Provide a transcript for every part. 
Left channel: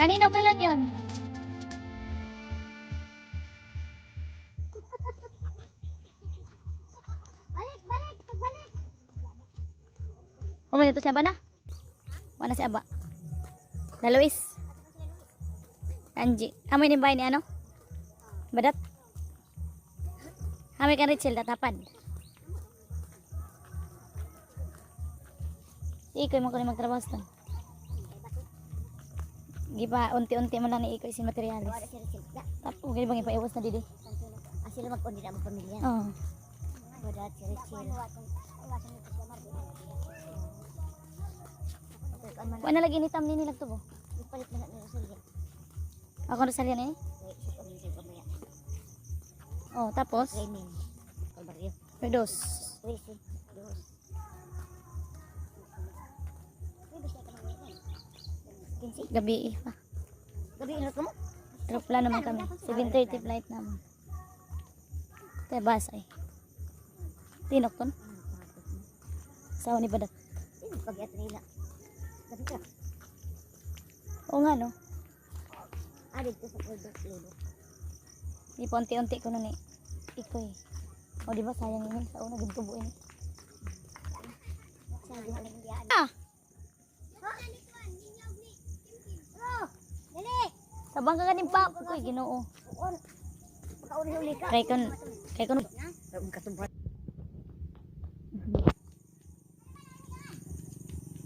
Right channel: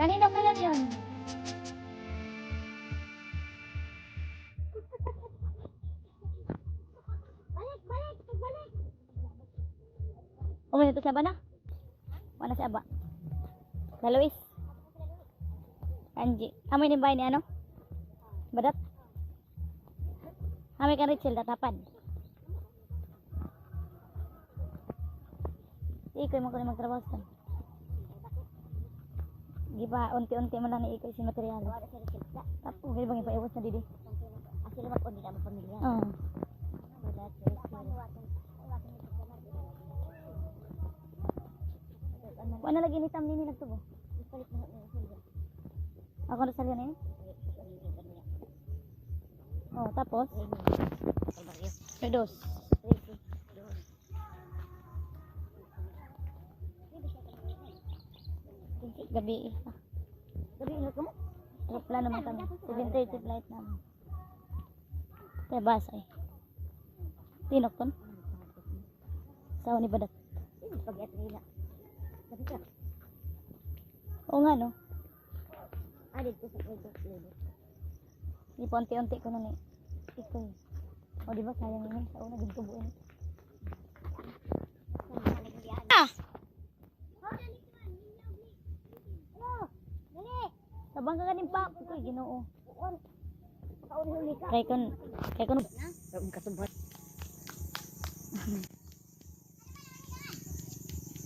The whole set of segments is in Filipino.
Kanino pala yun? Ito siya ba na? Mana si Aba? Na Luis? Anji. Amoy ni bahay ni ano? Badat? Amoy kan Richel tatapad. Ikoy mo ko ni magtrabaho sa gipa unti-unti man lang ni ikoy si materialis. Tapos gani bang ipaiwas na didi? Asil lumak on din ang pamilya. Oo. Badat si Richel. Wala lagi ni tamli ni lagtubo. Ipalit na na Rosalia. Ako Rosalia na eh. Oh, tapos Raining. Kay Barrio. Redos. Tracy. Dos. Gabi pa. Gabi inot mo? Aeroplano naman kami. 7:30 flight naman. Kaya bus ay. Tinok ton. Sawa ni Badat. Pag-iat nila. Gabi ka. Oo nga no. Dito sa Order Lebo. Di pa unti-unti ko na ni ikoy. O di ba sayang yun sa una gintubuin. Ah! Tabang ka ganing pa. Ikoy ginoo. Makauli-uli ka. Kay kon Katubot.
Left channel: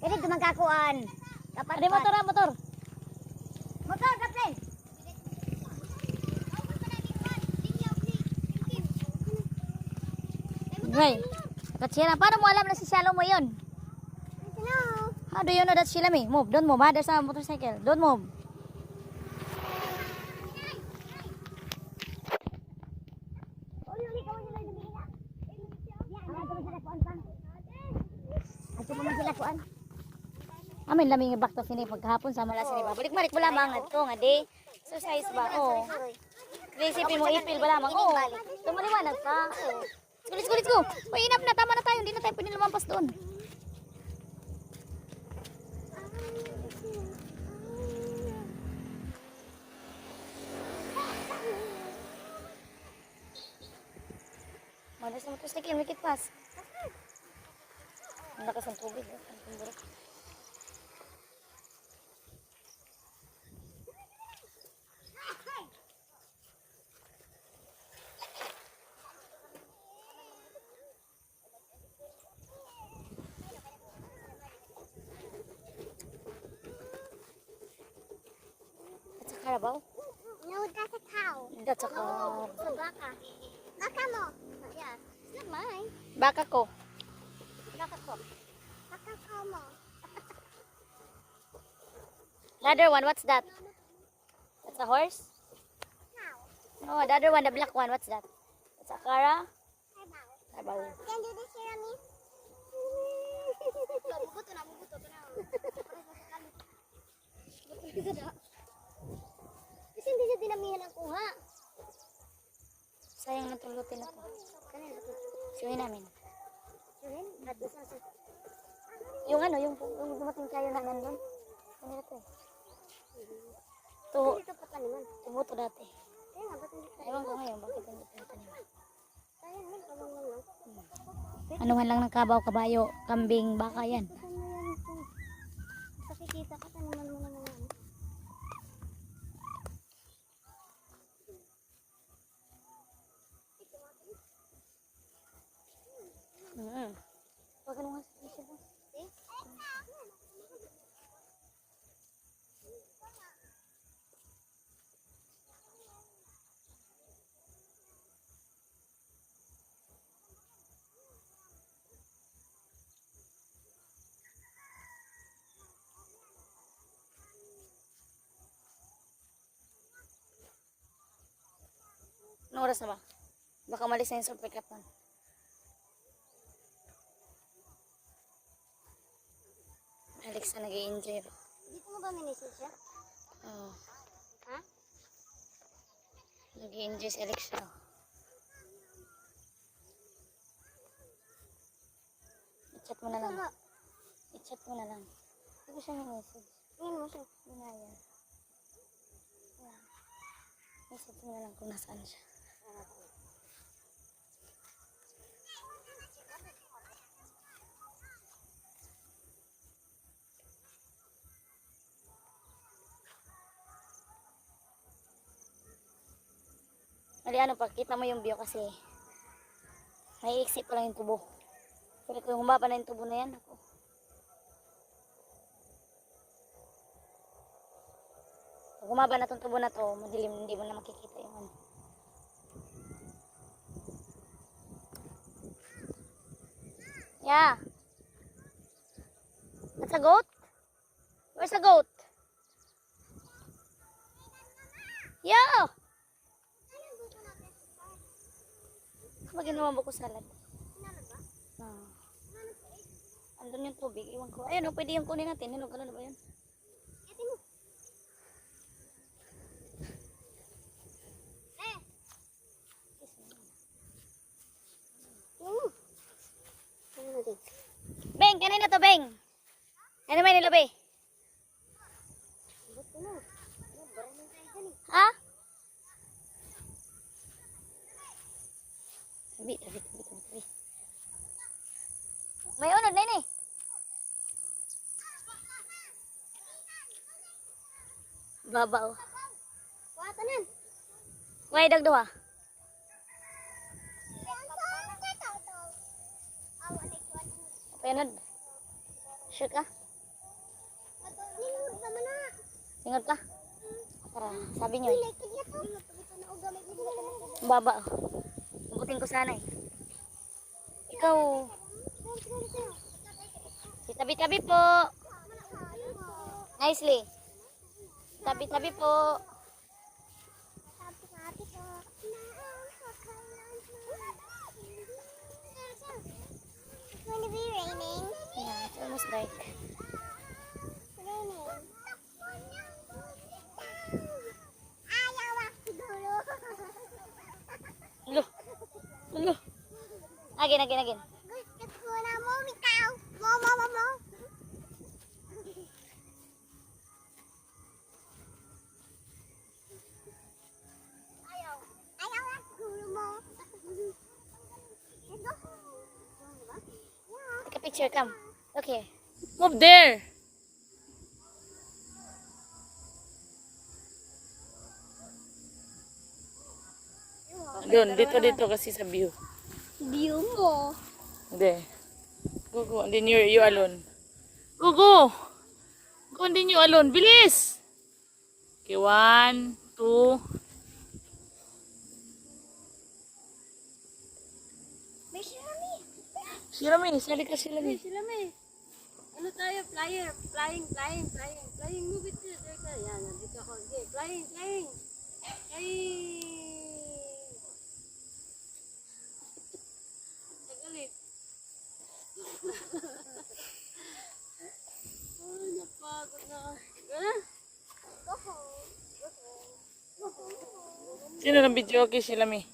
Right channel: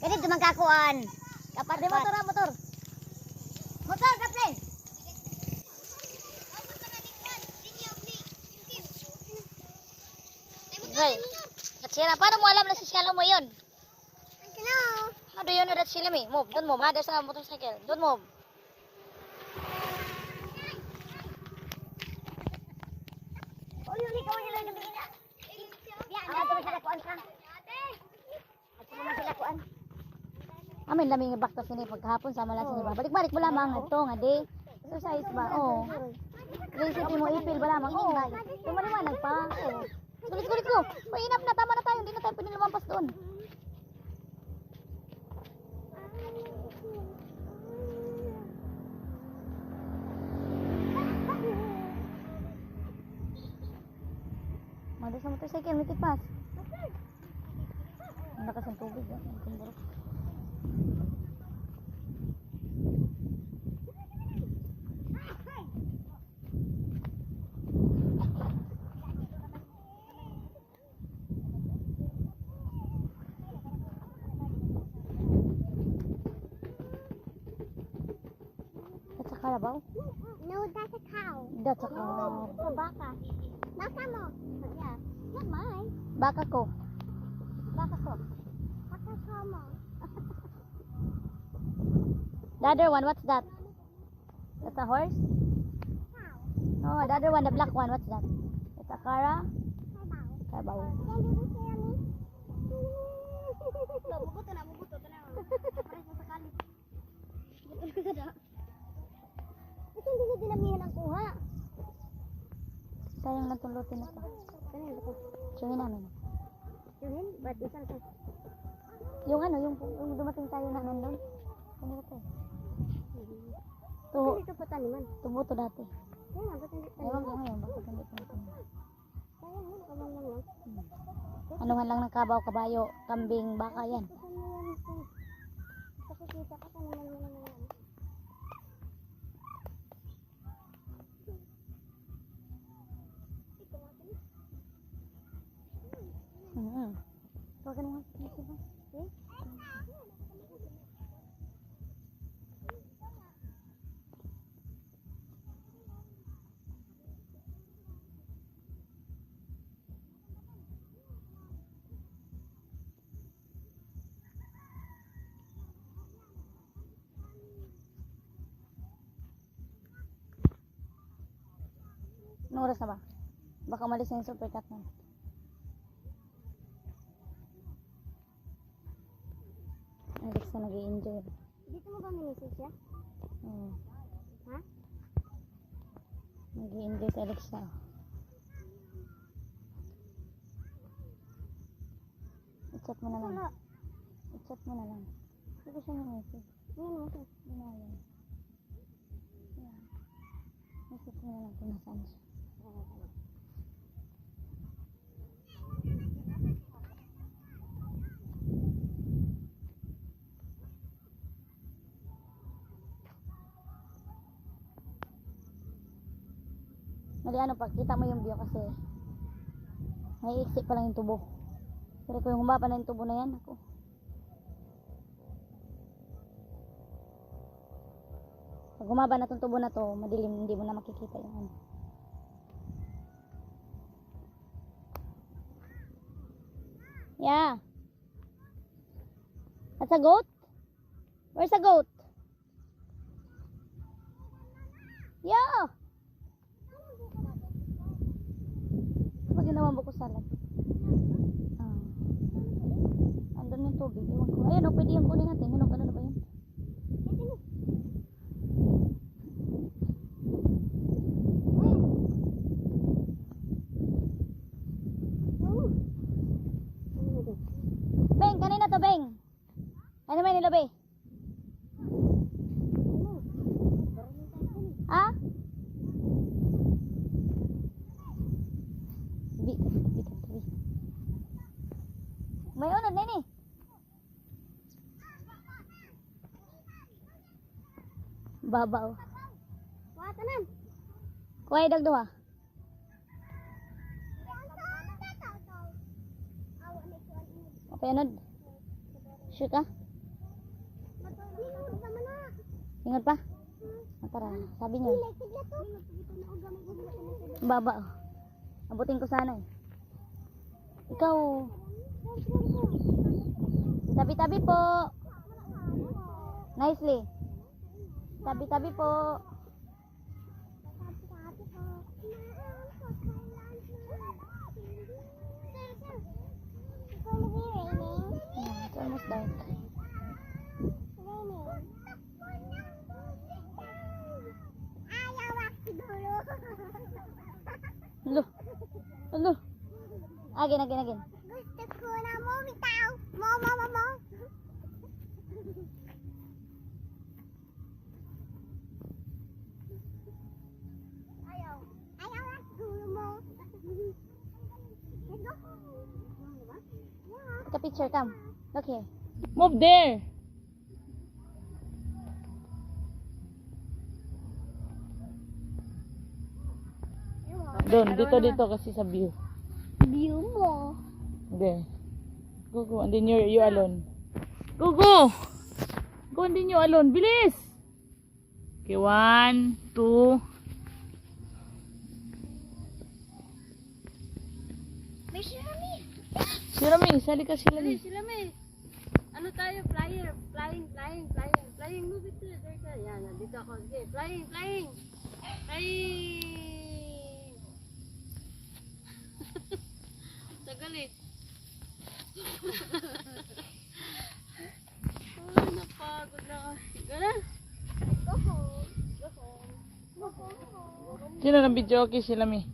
Kani dumangkakuan. Kapag Ada motor, motor. motor kapten. Right. Katsira, paano mo alam na si Shalom mo yun? I don't know. How do you know that sila me? Move, don't move. Ha, there's a motorcycle. Don't move. Uli-uli ka wala lang gabi na. Ato man sila kuan ka. Ato man sila kuan. Amin laming ibakta sini pagkahapon sama la sini ba. Balik-balik mo lamang ato nga di. Exercise ba? Oh. Recipe mo ipil ba lamang? Oh. Tumaliwanag pa. Oh. Let's go, let's go. Uy, enough na. Tama na tayo. Hindi na tayo pwede lumampas doon. Mada sa motorcycle, make it pass. Ang lakas ng tubig. Oh. Ang kumbarak. That's a Carabao? No, that's a cow. That's a car. It's a baka. Baka mo. Yeah, it's not mine. Baka ko. Baka ko. Baka ko mo. The other one, what's that? That's a horse? Cow. No, the other one, the black one, what's that? That's a Cara? Carabao. Carabao. Can you do this here on me? Bubuto na, bubuto na. Pares na sa kali. Buto ka na. Kasi hindi siya dinamihan ang kuha. Sayang man tulutin na to. Kanina ko. Suhin namin. Yun, ba't isa sa... Yung ano, yung dumating tayo na nandun. Kanina to eh. Dito pa taniman. Tubo to dati. Kaya nga, ba't hindi pa? Ewan ko ngayon, bakit hindi ko natanim. Sayang nga, nakabanglang lang. Anuhan lang ng kabaw, kabayo, kambing, baka yan. Saan mo yan ito? Sakikita ka, taniman mo naman yan. Huwag ka nang masakit siya ba? See? Anong oras na ba? Baka malis na yung supercut nun. Alexa nag-i-enjoy ba? Dito mo ba minisip siya? Oo. Ha? Nag-i-enjoy si Alexa. I-chat mo na lang. Wala. I-chat mo na lang. Hindi ko siya message. Tingnan mo siya. Binaya. Yan. Message mo na lang kung nasaan siya. Mali ano pa, kita mo yung view kasi naiiksi pa lang yung tubo. Pero kung humaba na yung tubo na yan, ako. Pag humaba na tong tubo na to, madilim, hindi mo na makikita yung ano. Yeah. That's a goat? Where's a goat? Yeah. Kapag ginawa ko salad. Andun yung tubig. Iwan ko. Ayun, pwede yung kunin natin. Hinog na ba yun? Beng, kanina to, Beng. Ano may nilabi? Ha? Tabi. May unod na yun eh. Babaw. Watanan. Kuhay dagduha. Apa yan? Sure ka? Lingod naman na. Ingat pa? Para, sabi nyo. Like it yato. Baba. Abutin ko sana eh. Ikaw. Tabi-tabi po. Nicely. Tabi-tabi po. It's going to be raining. Yeah, it's almost dark. Raining. Ayaw ako dulo. Hello. Hello. Again. Gusto ko na bumitaw. Mo. Ayaw ako dulo mo. Take a picture, come. Look here. Move there. Doon, dito kasi sa view. View mo. Hindi. Go, and then you alone. Go. Go, and then you alone. Bilis! Okay, 1, 2. May sirami. Sirami, sali ka sila. Sila may ano tayo, flying, move it there ka. Yan, dito ako. Okay, flying. Tagal eh. Ay, napagod na ako. Ganun. Sino na video okay sila mi?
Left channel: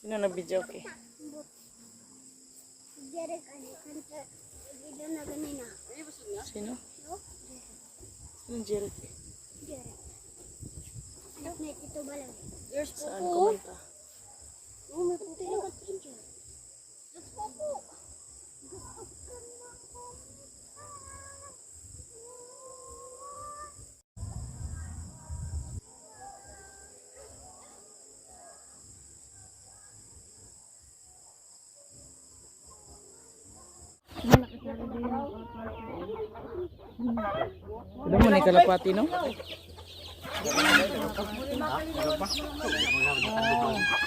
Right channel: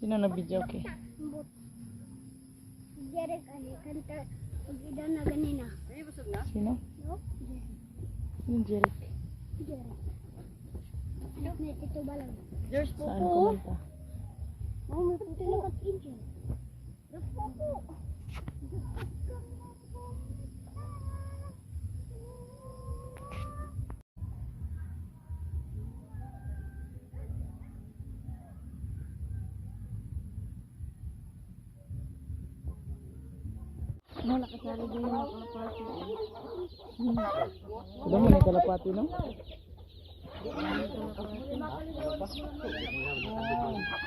Sino na video okay? Derek, kanta. Pag-idan na ganina. Ay, busog na? Sino? No? Sino Jeric? Derek. Anak na ito balang. There's Saan Popo. kumanta? Oh, may puti na kat-injure. That's Popo. Alam mo na yung kalapati, no?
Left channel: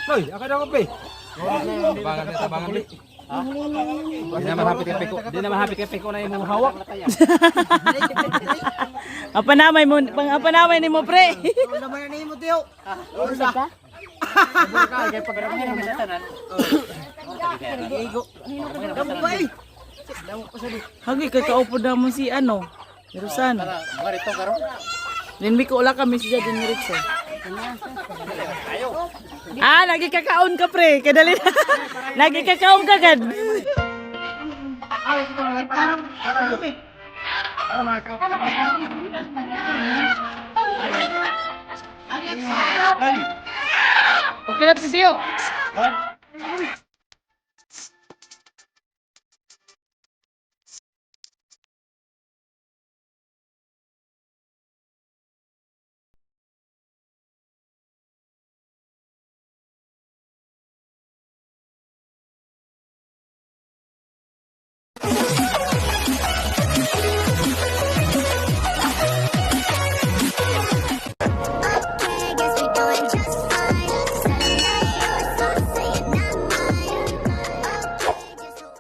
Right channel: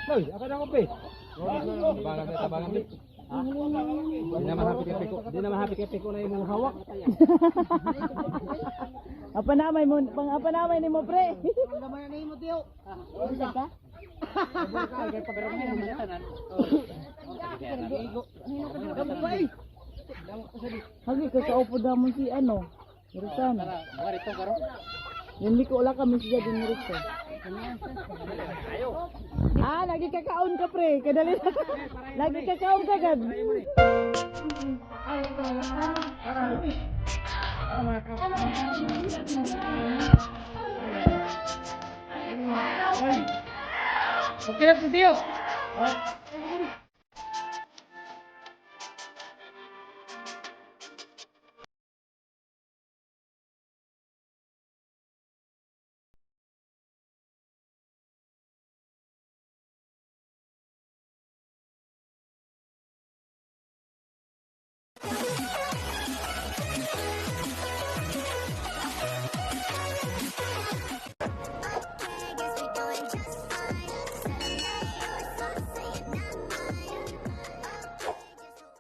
Hoy, akan ako pe. Bangan na tabangan ulit. Di naman happy kay Piko na yung hawak. Apa namay ni mo pre? Hagi kay kaupo na mo si ano? Merusan. Linmi ko ula kami siya din Ritso. Nagikakaon ka pre, kadali. Nagikakaon ka gad. Okay na si Tio.